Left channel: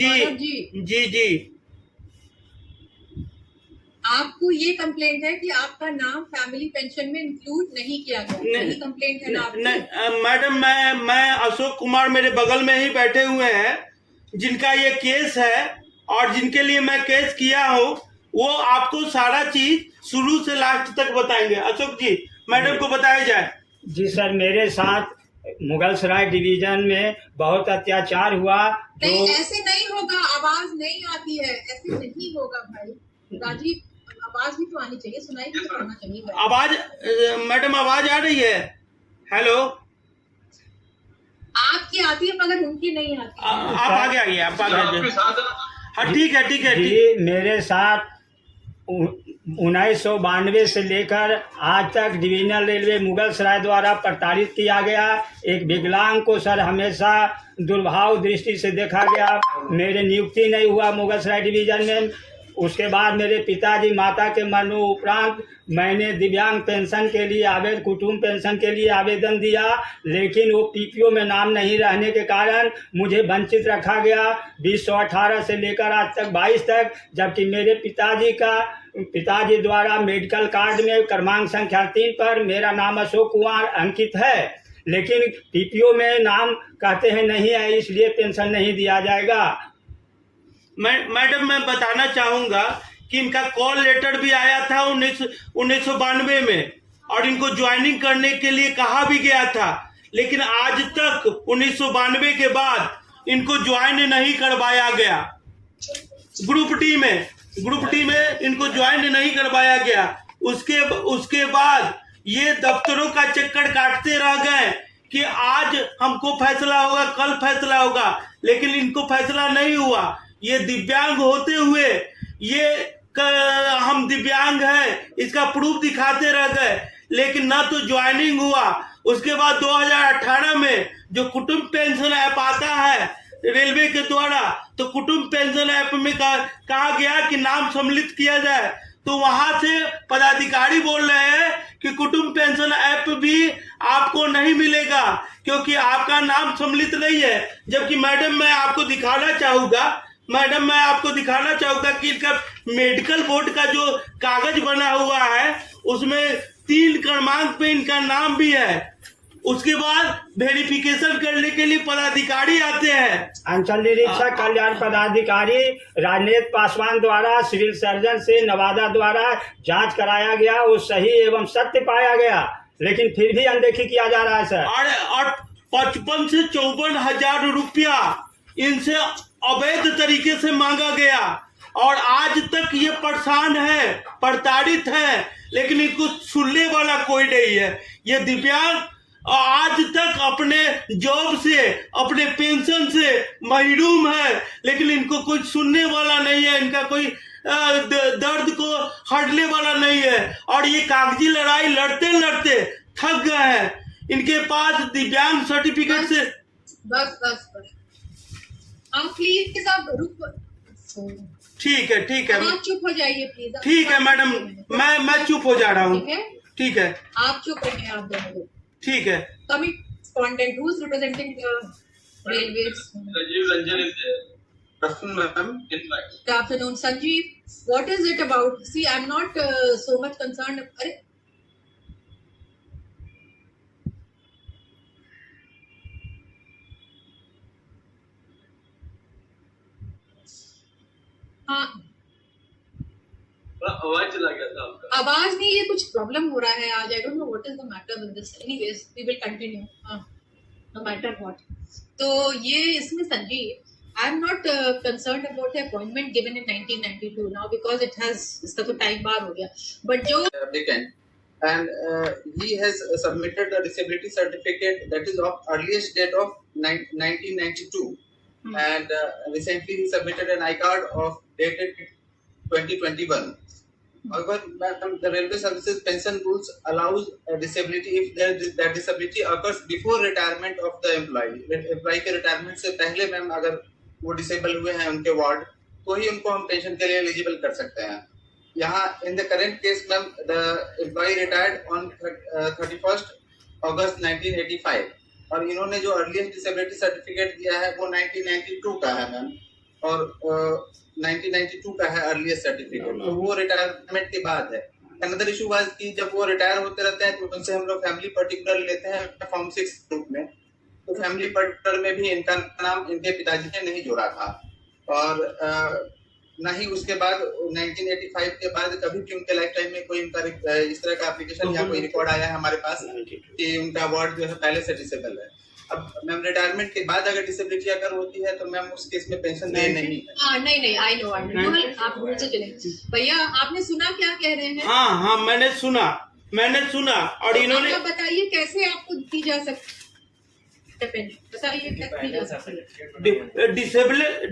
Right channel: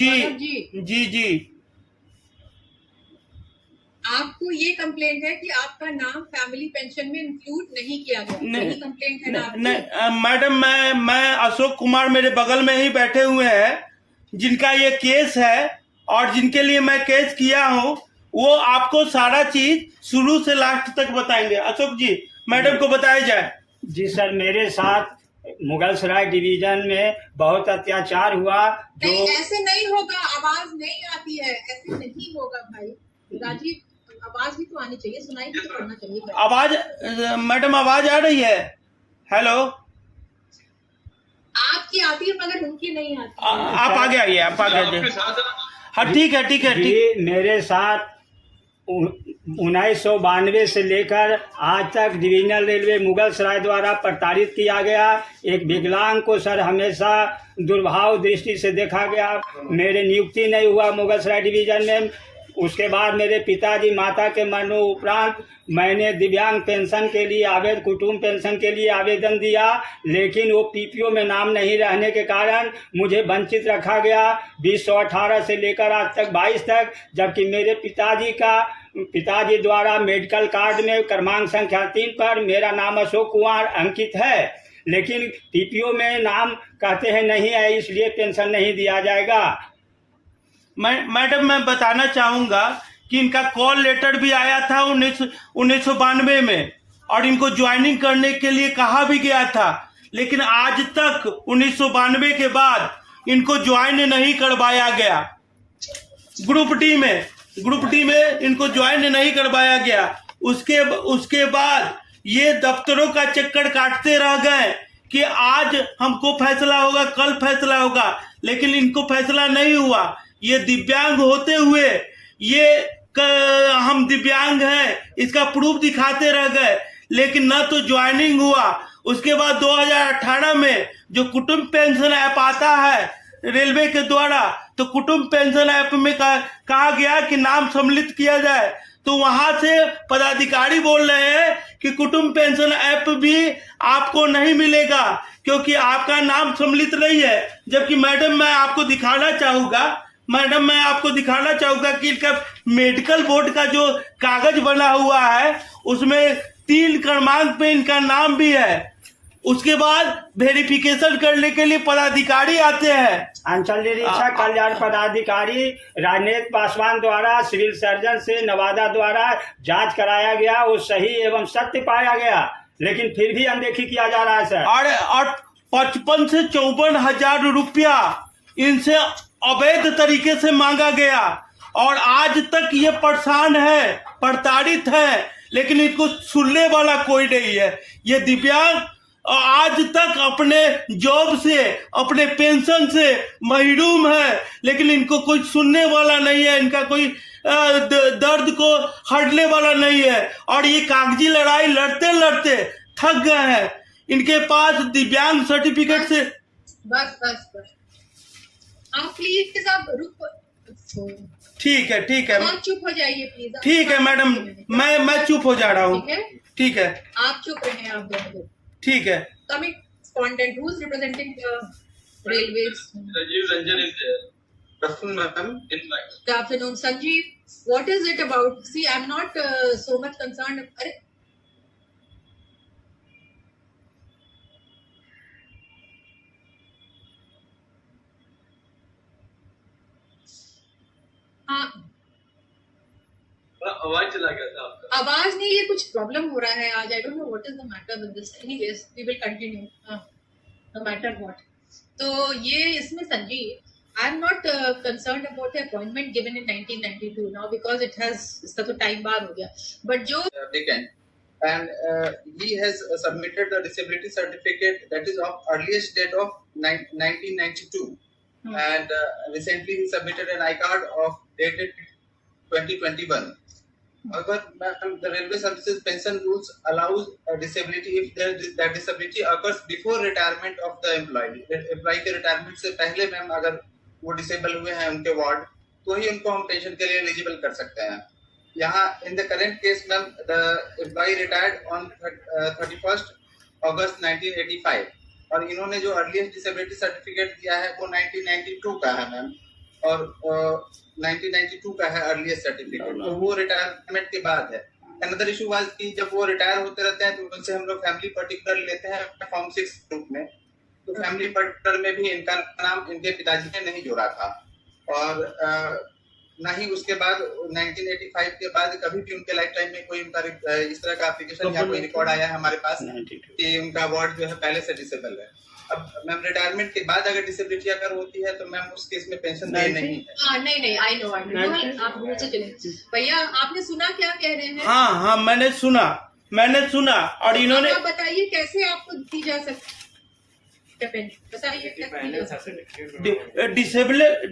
जी जी जी। आपको ये कंप्लेंट है कि आपका नाम फैमिली पेंशन में इंक्लूड नहीं किया गया, यही कंप्लेंट है ना आपकी? मैडम मैं अशोक कुमार मेरे बगल में ही बैठे हुए हैं जिनका ये केस है और जिनके लिए मैं केस किया हूँ, वो आपको सारा चीज शुरू से लास्ट तक बताएंगे। अशोक जी, मैडम को बताया जाए। जी सर, मेरे साथ मुगलसराय डिवीजन में बहुत अत्याचार हुआ। नहीं, ऐसे नहीं होगा, आवाज नहीं आती है, ऐसे नहीं होगा भाई। राजीव, आवाज भी तो आनी चाहिए, सुनाई भी तो करना चाहिए। आवाज मैडम, आवाज आ रही है? हेलो, आपकी आती है मगर उनकी नहीं आती। आप आगे आइए, आप आगे आइए। हाँ ठीक है ठीक है। जी, मेरे साथ 1992 से लेकर आज तक डिवीजनल रेलवे मुगलसराय द्वारा प्रताड़ित किया गया। एक विकलांग को सर हमेशा दुर्भाव दृष्टि से देखा गया। मेरे नियुक्ति नहीं हुआ मुगलसराय डिवीजन में। उसके बाद मेरे पिताजी माता के मरने उपरांत मैंने दिव्यांग पेंशन के लिए कुटुंब पेंशन के लिए आवेदन दिया, लेकिन वो पीपीओ में नाम नहीं रहने के कारण मुझे वंचित रखा गया 2018 से लेकर आज तक 22 तक। जबकि मेरे पिताजी द्वारा मेडिकल कार्ड में क्रमांक संख्या 3 पर मेरा नाम अशोक कुमार अंकित है, लेकिन पीपीओ में नाम कहते हैं नहीं है, इसलिए पेंशन नहीं दिया जाएगा। मैडम, मैं बताना चाहूंगा कि इनका कॉल लेटर भी आया था 1992 में और इनको ज्वाइनिंग करने के लिए कहा भी गया था, लेकिन आज तक 1992 के बाद इनको ज्वाइन नहीं करवाया गया। ग्रुप डी में इनको ज्वाइन नहीं करवाया गया। उसके बाद ये दफ्तरों का चक्कर काटते रह गए कि आज हमको फैसला होगा, कल फैसला होगा, लेकिन इनको फैसला नहीं हुआ। ये दिव्यांग होते हुए हम दिव्यांग हैं इसका प्रूफ दिखाते रह गए, लेकिन ना तो ज्वाइनिंग हुआ। उसके बाद 2018 में जो कुटुंब पेंशन ऐप आता है रेलवे के द्वारा, तो कुटुंब पेंशन ऐप में कहा गया कि नाम सम्मिलित किया जाए, तो वहां से पदाधिकारी बोल रहे हैं कि कुटुंब पेंशन ऐप भी आपको नहीं मिलेगा क्योंकि आपका नाम सम्मिलित नहीं है। जबकि मैडम मैं आपको दिखाना चाहूंगा कि इनका मेडिकल बोर्ड का जो कागज बना हुआ है उसमें 3 क्रमांक पे इनका नाम भी है। उसके बाद वेरिफिकेशन करने के लिए पदाधिकारी आते हैं। अंचल निरीक्षक कल्याण पदाधिकारी राजनेत पासवान द्वारा सिविल सर्जन से नवादा द्वारा जांच कराया गया, वो सही एवं सत्य पाया गया, लेकिन फिर भी अनदेखी किया जा रहा है सर। और 55 से 54 हजार रुपया इनसे अवैध तरीके से मांगा गया और आज तक ये परेशान है, प्रताड़ित है, लेकिन इनको सुनने वाला कोई नहीं है। ये दिव्यांग आज तक अपने जॉब से, अपने पेंशन से महरूम है, लेकिन इनको कोई सुनने वाला नहीं है, इनका कोई दर्द को हटने वाला नहीं है। और ये कागजी लड़ाई लड़ते लड़ते थक गए हैं। इनके पास दिव्यांग सर्टिफिकेट से बस आप प्लीज रुक। ठीक है आप चुप हो जाइए प्लीज। ठीक है मैडम, मैं चुप हो जा रहा हूँ। ठीक है, आप चुप रहे, आप दोनों। ठीक है। Coming respondent, who is representing railways? Sanjeev Ranjan is there. Good afternoon, ma'am. Good afternoon, Sanjeev. What is it about? See, I'm not so much concerned. हाँ, आवाज चला गया था आपका। आवाज नहीं, ये कुछ प्रॉब्लम हो रहा है आज। I don't know what is the matter with this. Anyways we will continue. No matter what. तो ये इसमें Sanjeev, I am not concerned about the appointment given in 1992 now because it has, इसका तो टाइम बार हो गया, बट जो and he has submitted the disability certificate that is of earliest date of 1992 and recently he submitted an iCard of dated 2021. However, the railway services pension rules allows a disability if that disability occurs before retirement of the employee. Employee के retirement से पहले ma'am अगर वो disable हुए हैं उनके ward, तो ही उनको हम पेंशन के लिए एलिजिबल कर सकते हैं। यहाँ in the current case ma'am the employ retired on 31 August 1985 और इन्होंने जो अर्लीस्ट डिसेबिलिटी सर्टिफिकेट दिया है वो 1992 का है मैम। और 1992 का है अर्लीस्ट सर्टिफिकेट, तो वो रिटायरमेंट के बाद है। अनदर इशू वाज कि जब वो रिटायर होते रहते हैं तो उनसे हम लोग फैमिली पर्टिकुलर लेते हैं फॉर्म 6 ग्रुप में, तो फैमिली पर्टिकुलर में भी इनका नाम इनके पिताजी ने नहीं जोड़ा था, और ना ही उसके बाद 1985 के बाद कभी भी उनके लाइफ टाइम में कोई उनका इस तरह का एप्लीकेशन या कोई रिकॉर्ड आया है हमारे पास कि उनका वार्ड जो है पहले से डिसेबल है। अब मैम रिटायरमेंट के बाद अगर डिसेबिलिटी अगर होती है तो मैम उस केस में पेंशन दे नहीं है। हाँ नहीं आई नो आप भूल से चलेंगे। भैया आपने सुना क्या कह रहे हैं? हाँ मैंने सुना और इन्होंने आप बताइए कैसे आपको दी जा सकती, बताइए क्या दी जा सकती?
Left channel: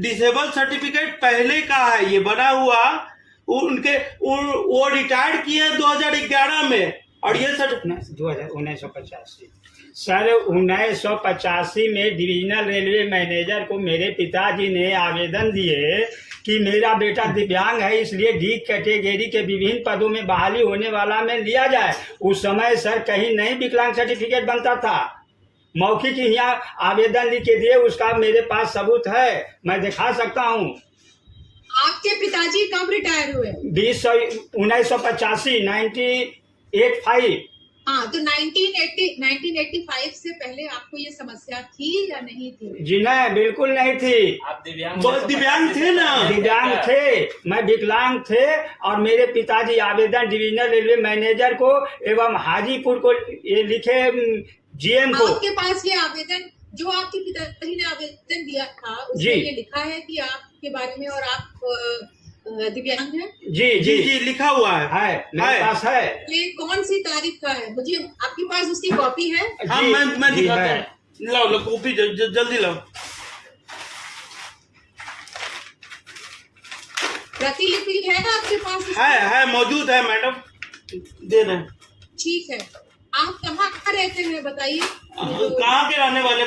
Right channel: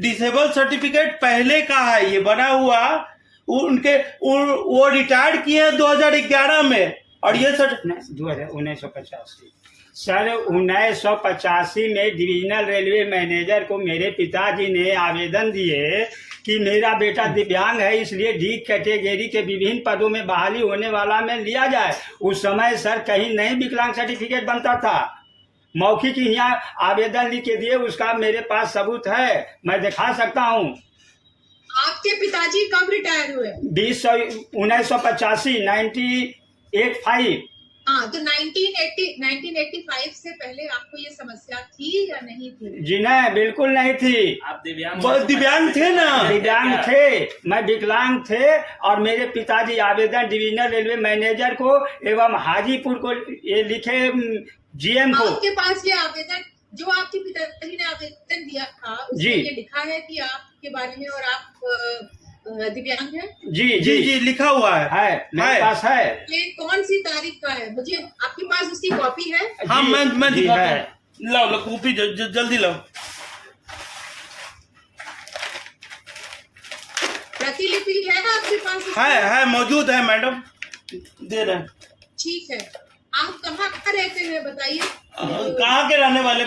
डिसेबल सर्टिफिकेट पहले का है, ये बना हुआ उनके वो रिटायर्ड किए हैं 2011 में, और ये 1985 सर 1985 में डिविजनल रेलवे मैनेजर को मेरे पिताजी ने आवेदन दिए कि मेरा बेटा दिव्यांग है, इसलिए डी कैटेगरी के विभिन्न पदों में बहाली होने वाला में लिया जाए। उस समय सर कहीं नहीं विकलांग सर्टिफिकेट बनता था, मौखिक यहाँ आवेदन लिख के दिए, उसका मेरे पास सबूत है, मैं दिखा सकता हूँ। आपके पिताजी कब रिटायर हुए? 1985 1985। हाँ, तो 1985 से पहले आपको ये समस्या थी या नहीं थी? जी नहीं, बिल्कुल नहीं थी। आप दिव्यांग थे ना? दिव्यांग थे, मैं विकलांग थे, और मेरे पिताजी आवेदन डिविजनल रेलवे मैनेजर को एवं हाजीपुर को ये लिखे जीएम को। आपके पास ये आवेदन जो आपके पिताजी ने आवेदन दिया था उसमें ये लिखा है कि आपके बारे में और आप दिव्यांग है? जी लिखा हुआ है मेरे पास है। ये कौन सी तारीख का है? मुझे आपके पास उसकी कॉपी है? हाँ मैं दिखाता हूँ, लाओ कॉपी जल्दी लाओ। प्रतिलिपि है ना आपके पास? है मौजूद है मैडम, दे रहे हैं। ठीक है, आप कहाँ रहते हैं बताइए? कहाँ के रहने वाले?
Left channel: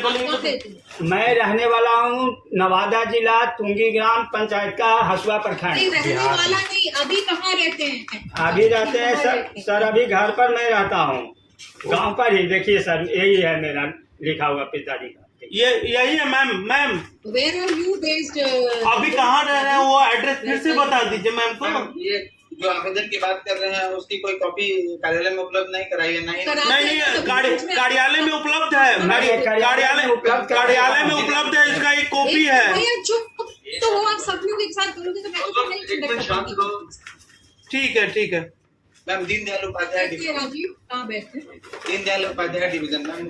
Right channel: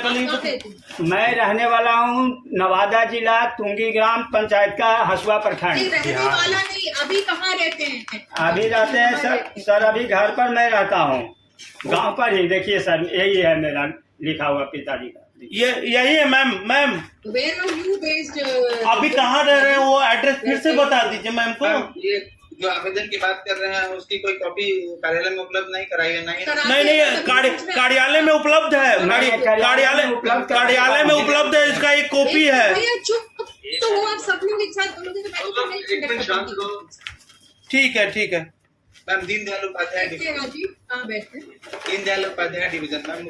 मैं रहने वाला हूँ नवादा जिला तुंगी ग्राम पंचायत का हसुआ प्रखंड। रहने वाला नहीं, अभी कहाँ रहते हैं? अभी रहते हैं सर अभी घर पर मैं रहता हूँ, गांव पर ही। देखिए सर, यही है मेरा लिखा हुआ पिताजी का, यही है ma'am. Where are you based? अभी कहाँ रह रहे हैं वो एड्रेस फिर से बता दीजिए मैम को। ये जो आवेदन की बात कर रहे हैं उसकी कोई कॉपी कार्यालय में उपलब्ध नहीं कराई है? नहीं कार्यालय में उपलब्ध है, कार्यालय में उपलब्ध है, इसका एक कॉपी है। तो वो आप सब लोग एक साथ बोलोगे तो ठीक है मैम। दीनदयाल उपाध्याय राजीव कहाँ बैठते? दीनदयाल उपाध्याय डिवीजन मैम,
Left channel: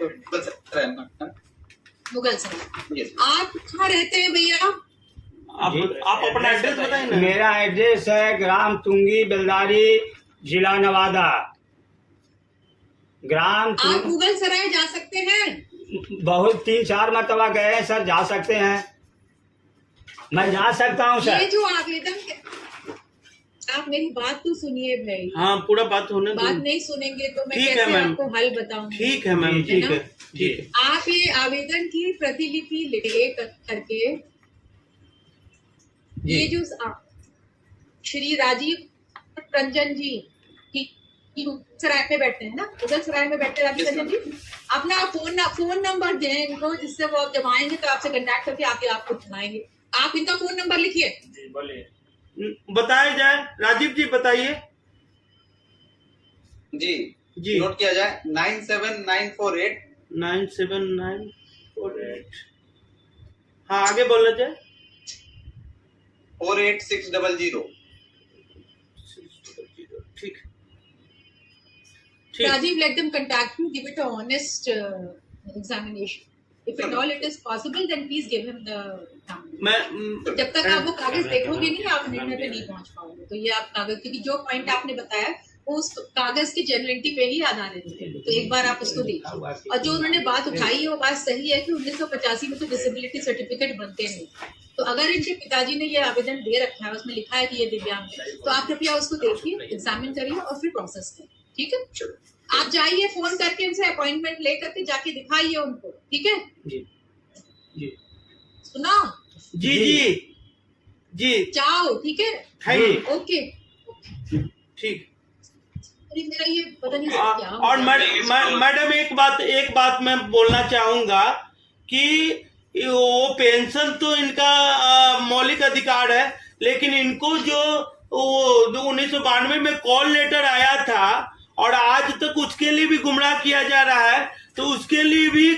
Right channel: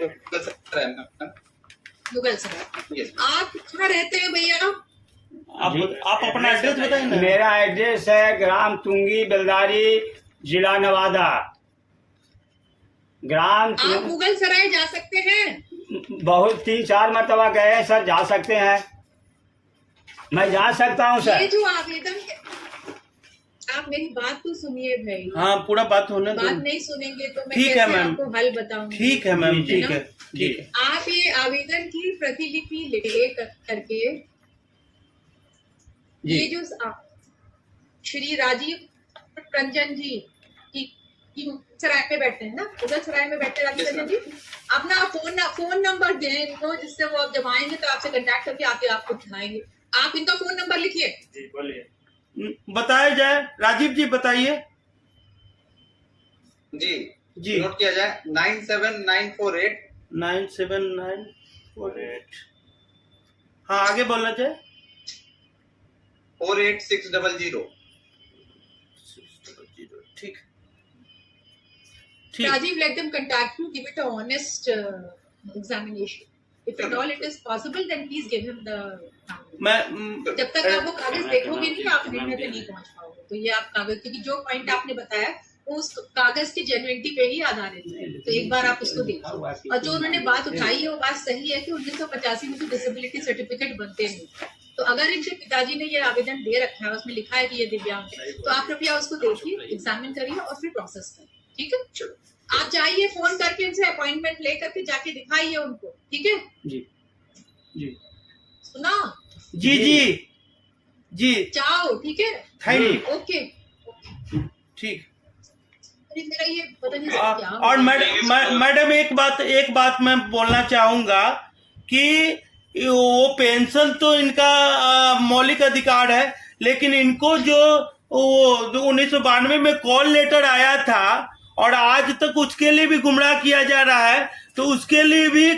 मुगल सराय। आप कहाँ रहते हैं भैया? आप अपना एड्रेस बताइए ना। मेरा एड्रेस है ग्राम तुंगी बेलदारी, जिला नवादा। ग्राम आप मुगल सराय जा सकते हैं? बहुत 3-4 मरतबा गए हैं सर, जा सकते हैं, मैं जा सकता हूँ सर। ये जो आवेदन आप मेरी बात तो सुनिए भाई। हाँ, पूरा बात होने दो। बात नहीं सुनेंगे तो मैं कैसे आपको हल बताऊंगी? ठीक है मैम, ठीक है। आप ये आवेदन की प्रतिलिपि ले करके ये जो श्री राजीव रंजन जी की सराय में बैठते हैं ना, उधर सराय में बैठते राजीव रंजन जी, अपना फोन नंबर दें इनको, जिससे वो जब आएंगे तो आपसे कांटेक्ट करके आके आपको दिखाएंगे। आप इनका फोन नंबर लिखिए। जी बोलिए। बताया जाए, राजीव जी बताइए। जी नोट किया जाए 97948 97948। हाँ, आगे बोलना चाहिए। 48600। ठीक। Rajiv, let them contact you. Give it a honest examination. If at all it is possible, then please give him the number. जब तक आप वो कागज देखोगे नहीं, आप निर्णय पे नहीं पहुंच पाओगे। तो ये आप कागज, क्योंकि जो पॉइंट आपने बताया वो उस कागज की जेन्युइनिटी पे ही आधारित है, तो एक बार आप उसको देखिए। और जो उन्होंने बात उठाई है वो बात सही है कि 1985 में तो डिसेबिलिटी सर्टिफिकेट बनते नहीं। तो अगर इनके पिताजी ने ये आवेदन दे रखा है, उसमें लिखा है कि ये दिव्यांग है, तो आप कृपया उसको देखिए, एग्जामिन करिए और फिर प्रोसेस करिए। ठीक है, आप जाइए, फोन करके इनसे अपॉइंटमेंट ले करके जाके दिखाइए उनको। ठीक है जी सुना? जी जाओ। ठीक है, थैंक यू। ओके ठीक। मेरा ये पता नहीं क्या। और मैडम एक बात मैं बोलना चाहूंगा कि वो पेंशन तो इनका मौलिक अधिकार है, लेकिन इनको जो वो 1992 में कॉल लेटर आया था और आज तक उसके लिए भी गुमराह किया जा रहा है, तो उसके लिए भी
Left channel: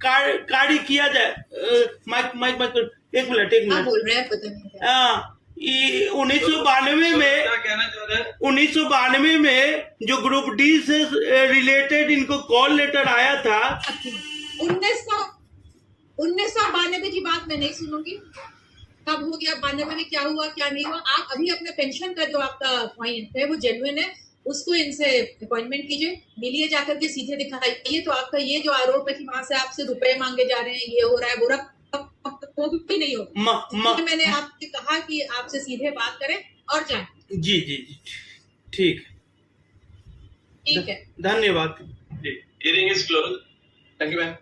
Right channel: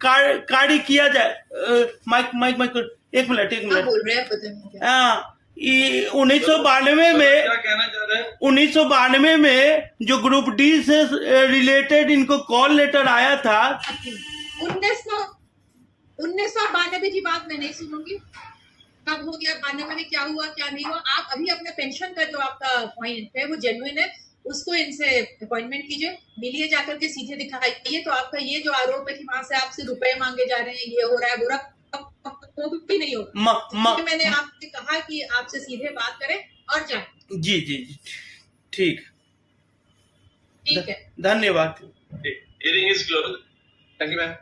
कार्य किया जाए। माइक एक मिनट आप बोल रहे हैं पता नहीं क्या। 1992 में क्या कहना चाह रहे हैं? 1992 में जो ग्रुप डी से रिलेटेड इनको कॉल लेटर आया था। 1992 की बात मैं नहीं सुनूंगी, कब हो गया 92 में, क्या हुआ क्या नहीं हुआ। आप अभी अपने पेंशन का जो आपका पॉइंट है वो जेन्युइन है, उसको इनसे अपॉइंटमेंट कीजिए, मिलिए जाकर के सीधे दिखाइए। तो आपका ये जो आरोप है कि वहां से आपसे रुपए मांगे जा रहे हैं, ये हो रहा है वो रहा, वो भी नहीं होगा। मैंने आपसे कहा कि आपसे सीधे बात करें और जाए। जी जी जी, ठीक ठीक है, धन्यवाद। Hearing is closed. Thank you, ma'am.